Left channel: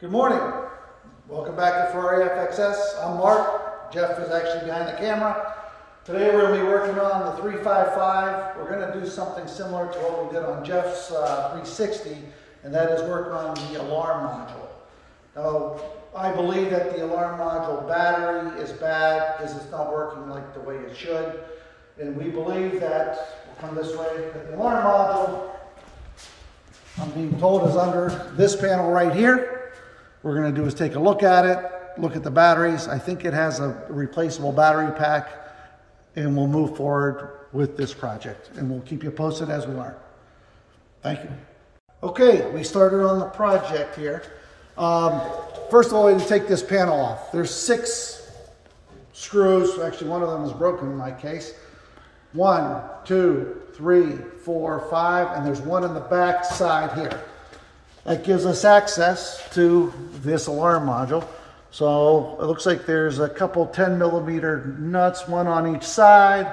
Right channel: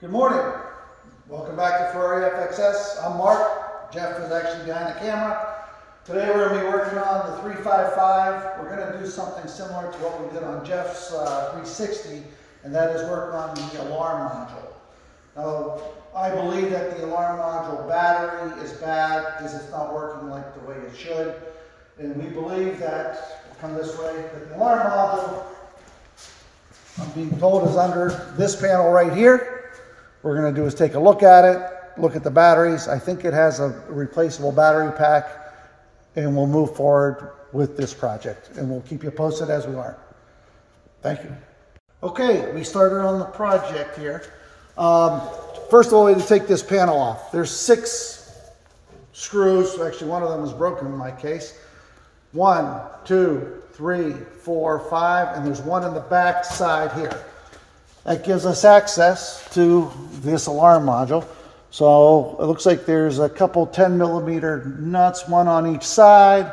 Good morning. Welcome back to Ferrari FXS. I'm Mark. Jeff is actually behind the camera. Today we're going to be working on the 355. We're going to do something similar to what we did on Jeff's 360, and that is work on the alarm module. Now, I believe that the alarm module battery is bad because it's not working like the way it should. And we believe that, we'll come this way, that the alarm module, I'm being told, is under this panel right here. What we're going to do is take a look at it, look at the batteries. I think it has a replaceable battery pack, and we'll move forward with this project. And we'll keep you posted as we learn. Thank you. Okay, we started on the project here. First of all, we need to take this panel off. There's 6 screws. Actually, one of them is broken in my case. 1, 2, 3, 4, 5, and there's one in the back side here. That gives us access to this alarm module. So it looks like there's a couple 10mm nuts, one on each side,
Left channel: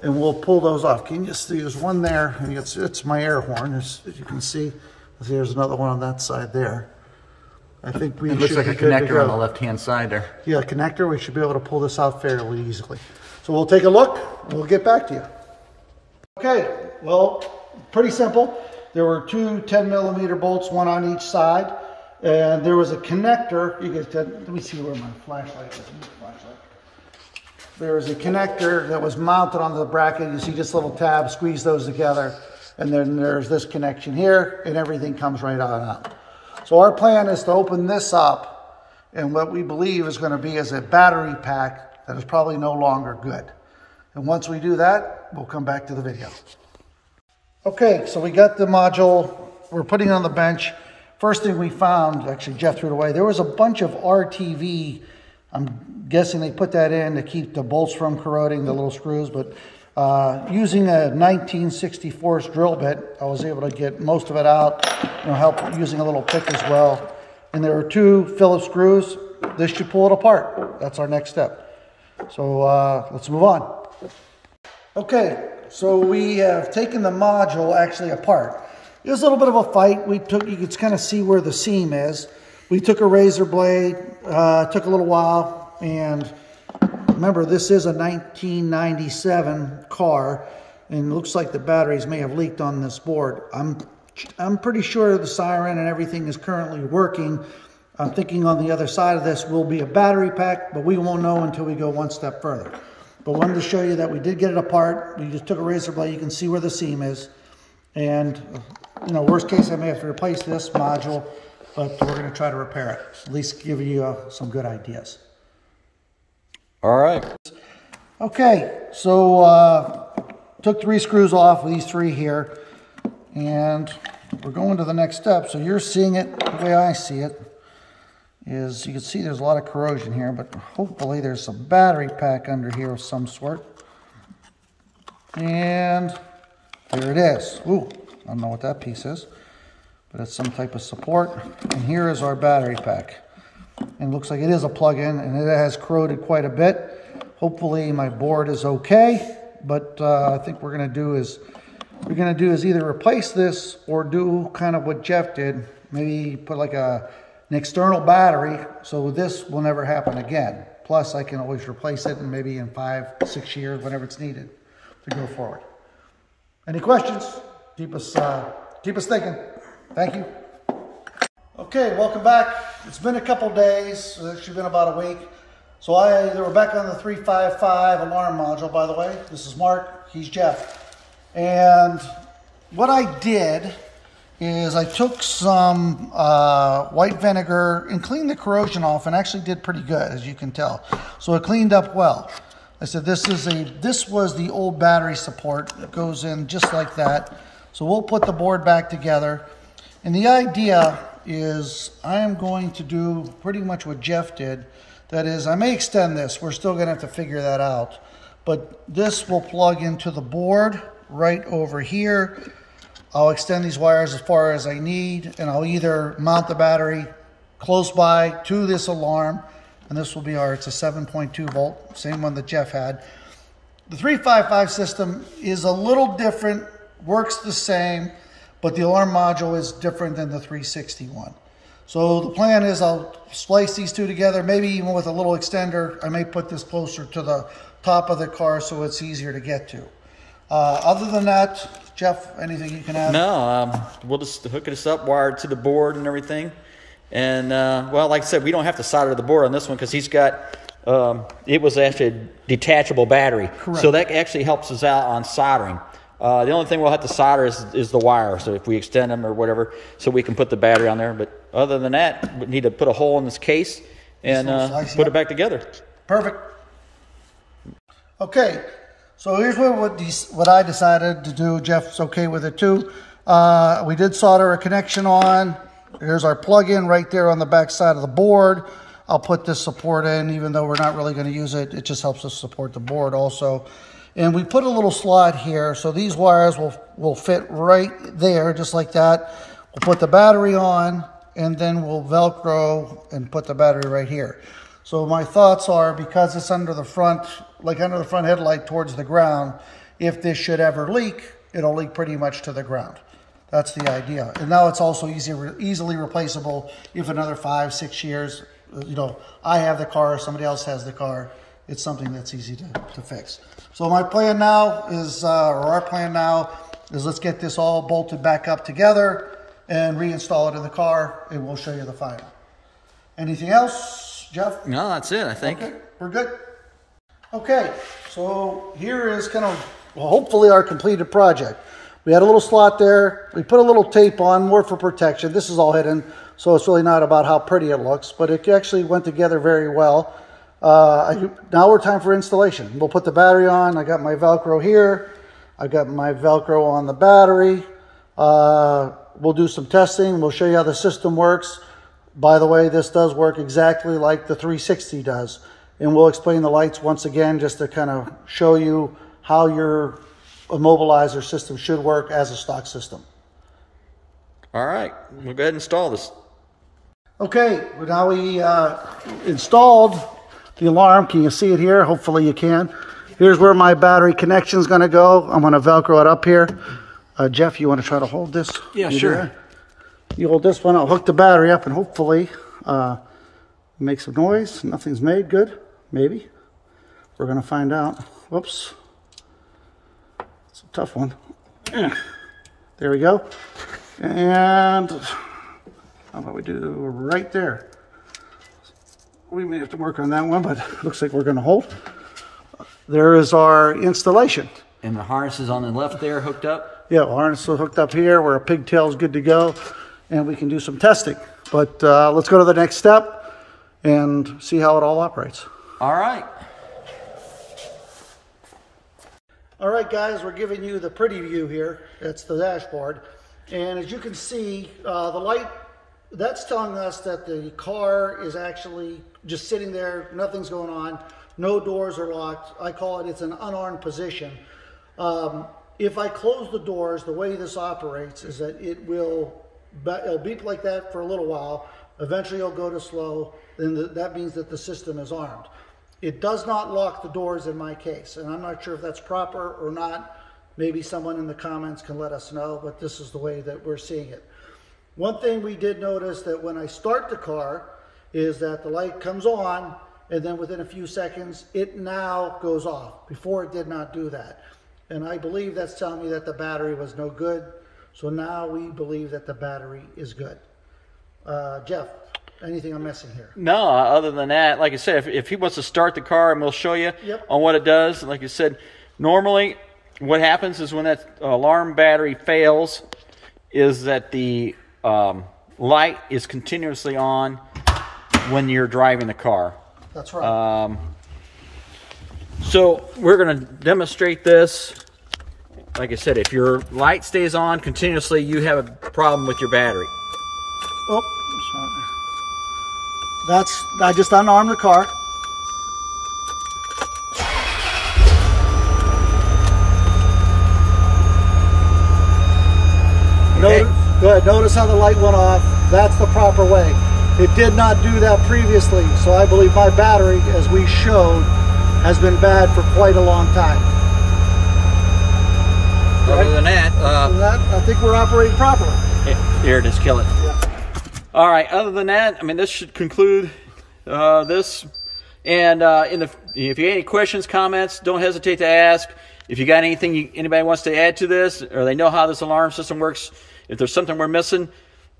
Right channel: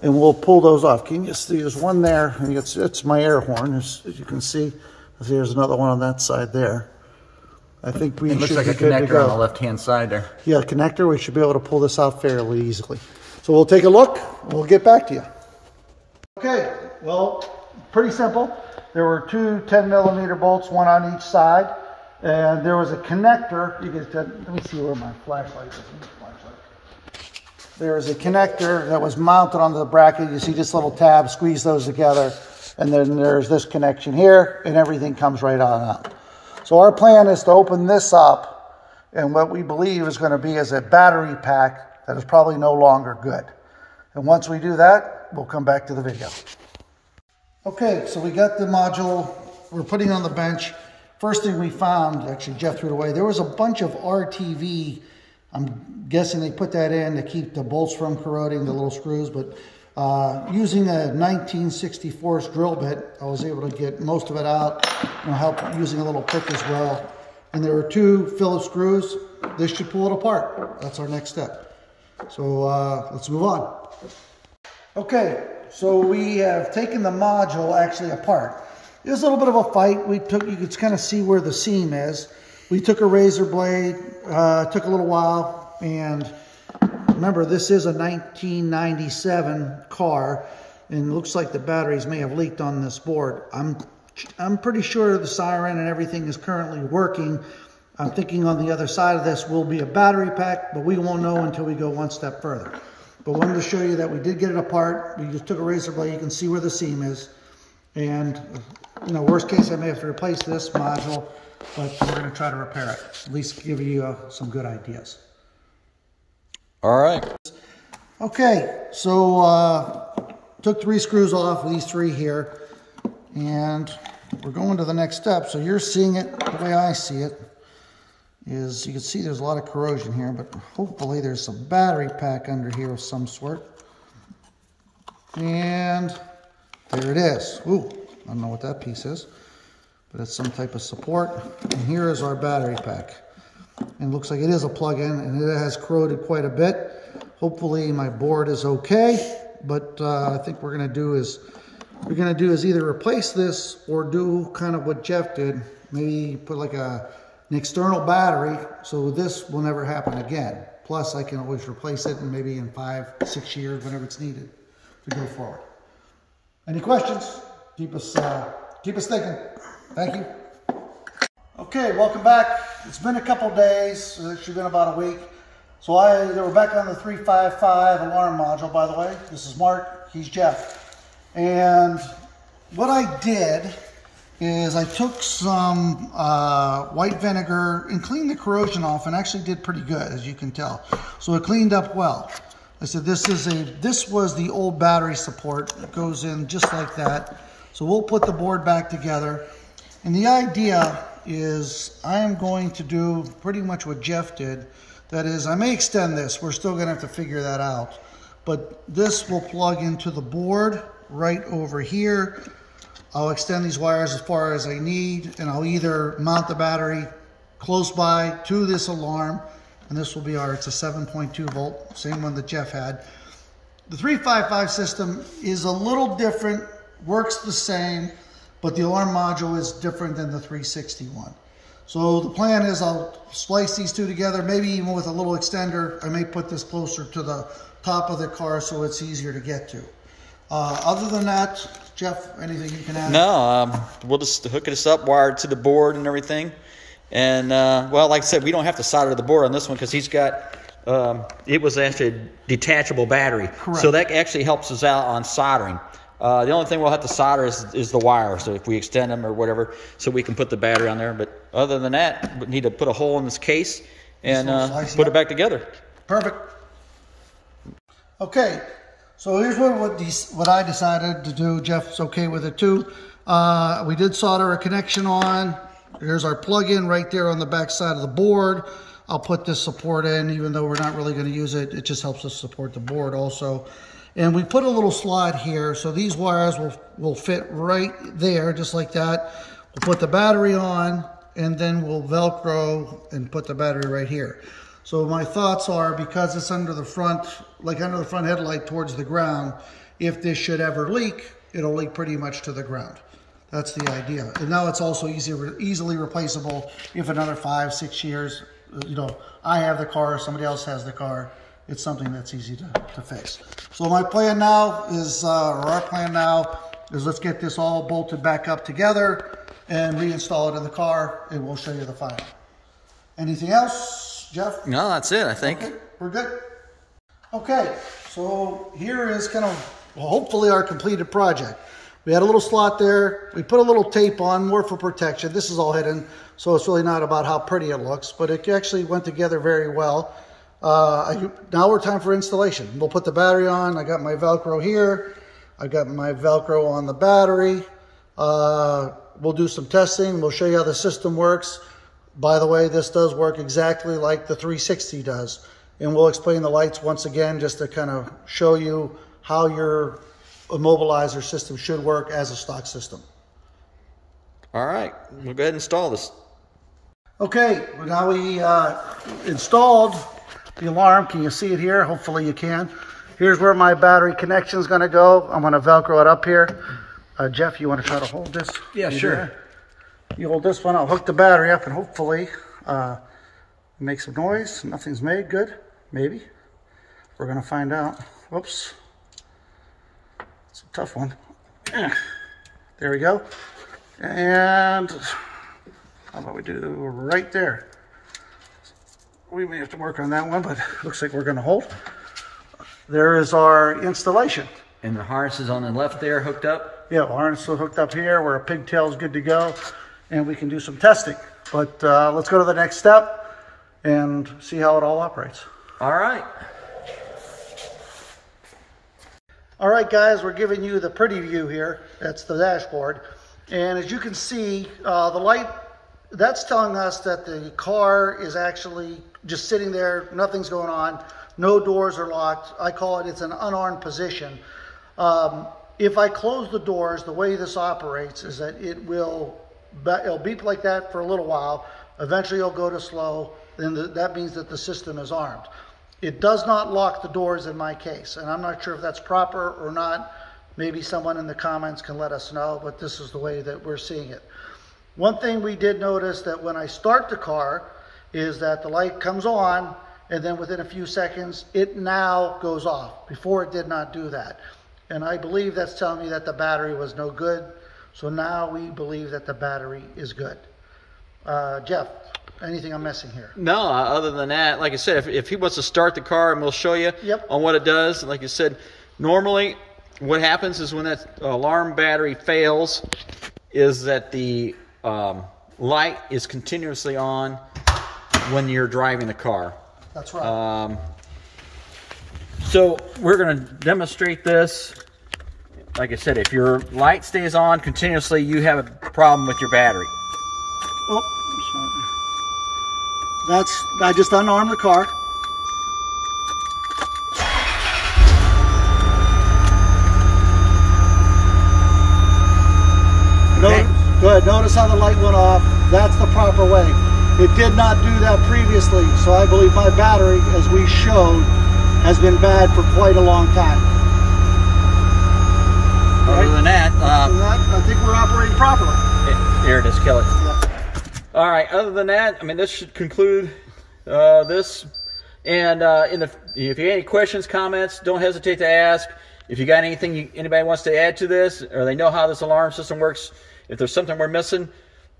and we'll pull those off. Can you see there's one there? It's my air horn. As you can see, there's another one on that side there. I think we. It looks like a connector on the left-hand side there. Yeah, a connector. We should be able to pull this off fairly easily. So we'll take a look. We'll get back to you. Okay. Well, pretty simple. There were 2 10mm bolts, one on each side, and there was a connector. You guys, let me see where my flashlight is. There's a connector that was mounted onto the bracket. You see this little tab, squeeze those together, and then there's this connection here, and everything comes right on out. So our plan is to open this up, and what we believe is going to be is a battery pack that is probably no longer good. And once we do that, we'll come back to the video. Okay, so we got the module we're putting on the bench. First thing we found, actually Jeff threw it away, there was a bunch of RTV. I'm guessing they put that in to keep the bolts from corroding, the little screws, but using a 1964 drill bit, I was able to get most of it out, help using a little pick as well. And there were 2 Phillips screws. This should pull it apart. That's our next step. So let's move on. Okay, so we have taken the module actually apart. It was a little bit of a fight. You could kind of see where the seam is. We took a razor blade, took a little while, and remember, this is a 1997 car, and it looks like the batteries may have leaked on this board. I'm pretty sure the siren and everything is currently working. I'm thinking on the other side of this will be a battery pack, but we won't know until we go one step further. But wanted to show you that we did get it apart. We just took a razor blade. You can see where the seam is. And, worst case, I may have to replace this module, but we're going to try to repair it. At least give you some good ideas. All right. Okay, so took 3 screws off of these 3 here, and we're going to the next step. So you're seeing it the way I see it. Is you can see there's a lot of corrosion here, but hopefully there's some battery pack under here of some sort. And there it is. Ooh, I don't know what that piece is, but it's some type of support. And here is our battery pack. And it looks like it is a plug-in, and it has corroded quite a bit. Hopefully my board is okay, but I think we're gonna do is either replace this or do kind of what Jeff did, maybe put like an external battery, so this will never happen again. Plus, I can always replace it, and maybe in 5, 6 years, whenever it's needed, to go forward. Any questions? Keep us thinking. Thank you. Okay, welcome back. It's been a couple days. It's actually been about a week. So we're back on the 355 alarm module. By the way, this is Mark. He's Jeff. And what I did is I took some white vinegar and cleaned the corrosion off, and actually did pretty good, as you can tell. So it cleaned up well. I said this was the old battery support. It goes in just like that. So we'll put the board back together. And the idea is I am going to do pretty much what Jeff did. That is, I may extend this. We're still going to have to figure that out. But this will plug into the board right over here. I'll extend these wires as far as I need, and I'll either mount the battery close by to this alarm, and this will be it's a 7.2 volt, same one that Jeff had. The 355 system is a little different, works the same, but the alarm module is different than the 361. So the plan is I'll splice these two together, maybe even with a little extender. I may put this closer to the top of the car so it's easier to get to. Other than that, Jeff, anything you can add? No, we'll just hook this up, wire it to the board and everything. And, well, like I said, we don't have to solder the board on this one because he's got, it was actually a detachable battery. Correct. So that actually helps us out on soldering. The only thing we'll have to solder is the wire. So if we extend them or whatever, so we can put the battery on there. But other than that, we need to put a hole in this case and put it back together. Perfect. Okay, so here's what I decided to do. Jeff's okay with it too. We did solder a connection on. Here's our plug-in right there on the back side of the board. I'll put this support in, even though we're not really going to use it. It just helps us support the board also. And we put a little slot here, so these wires will fit right there, just like that. We'll put the battery on, and then we'll Velcro and put the battery right here. So my thoughts are, because it's under the front, like under the front headlight towards the ground, if this should ever leak, it'll leak pretty much to the ground. That's the idea. And now it's also easily replaceable if another 5-6 years, you know, I have the car, somebody else has the car. It's something that's easy to fix. So my plan now is, or our plan now is, let's get this all bolted back up together and reinstall it in the car, and we'll show you the final. Anything else, Jeff? No, that's it, I think. Okay, we're good. Okay, so here is kind of, well, hopefully our completed project. We had a little slot there. We put a little tape on, more for protection. This is all hidden, so it's really not about how pretty it looks, but it actually went together very well. Now we're time for installation. We'll put the battery on. I got my Velcro here. I got my Velcro on the battery. We'll do some testing. We'll show you how the system works. By the way, this does work exactly like the 360 does. And we'll explain the lights once again, just to kind of show you how your immobilizer system should work as a stock system. All right, we'll go ahead and install this. Okay, well, now we installed the alarm. Can you see it here? Hopefully you can. Here's where my battery connection is going to go. I'm going to Velcro it up here. Jeff, you want to try to hold this? Yeah, sure. You hold this one. I'll hook the battery up and hopefully make some noise. Nothing's made. Good. Maybe. We're going to find out. Whoops. It's a tough one. There we go. And how about we do right there? We may have to work on that one, but it looks like we're going to hold. There is our installation. And the harness is on the left there, hooked up? Yeah, harness is hooked up here where a pigtail is good to go, and we can do some testing. But let's go to the next step and see how it all operates. All right. All right, guys, we're giving you the pretty view here. That's the dashboard. And as you can see, the light, that's telling us that the car is actually just sitting there, nothing's going on, no doors are locked. I call it, it's an unarmed position. If I close the doors, the way this operates is that it'll beep like that for a little while, eventually it'll go to slow, then that means that the system is armed. It does not lock the doors in my case, and I'm not sure if that's proper or not. Maybe someone in the comments can let us know, but this is the way that we're seeing it. One thing we did notice that when I start the car is that the light comes on, and then within a few seconds, it now goes off. Before it did not do that. And I believe that's telling me that the battery was no good. So now we believe that the battery is good. Jeff, anything I'm missing here? No, other than that, like I said, if he wants to start the car, and we'll show you on what it does. Like you said, normally what happens is when that alarm battery fails is that the light is continuously on when you're driving the car. That's right. So we're going to demonstrate this. Like I said, if your light stays on continuously, you have a problem with your battery. Oh, I just unarmed the car. Okay. Notice how the light went off. That's the proper way. It did not do that previously, so I believe my battery, as we showed, has been bad for quite a long time. Other than that, I think we're operating properly. here, just kill it. Yeah. All right. Other than that, I mean, this should conclude this. And if you have any questions, comments, don't hesitate to ask. If you got anything anybody wants to add to this, or they know how this alarm system works, if there's something we're missing,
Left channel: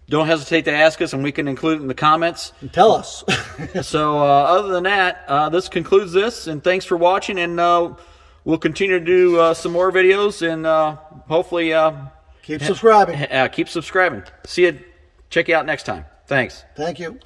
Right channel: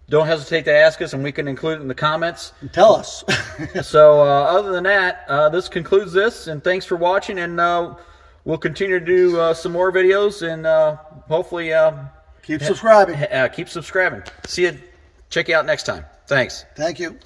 don't hesitate to ask us, and we can include it in the comments. And tell us. So other than that, this concludes this, and thanks for watching, and we'll continue to do some more videos, and hopefully keep subscribing. Keep subscribing. See you. Check you out next time. Thanks. Thank you.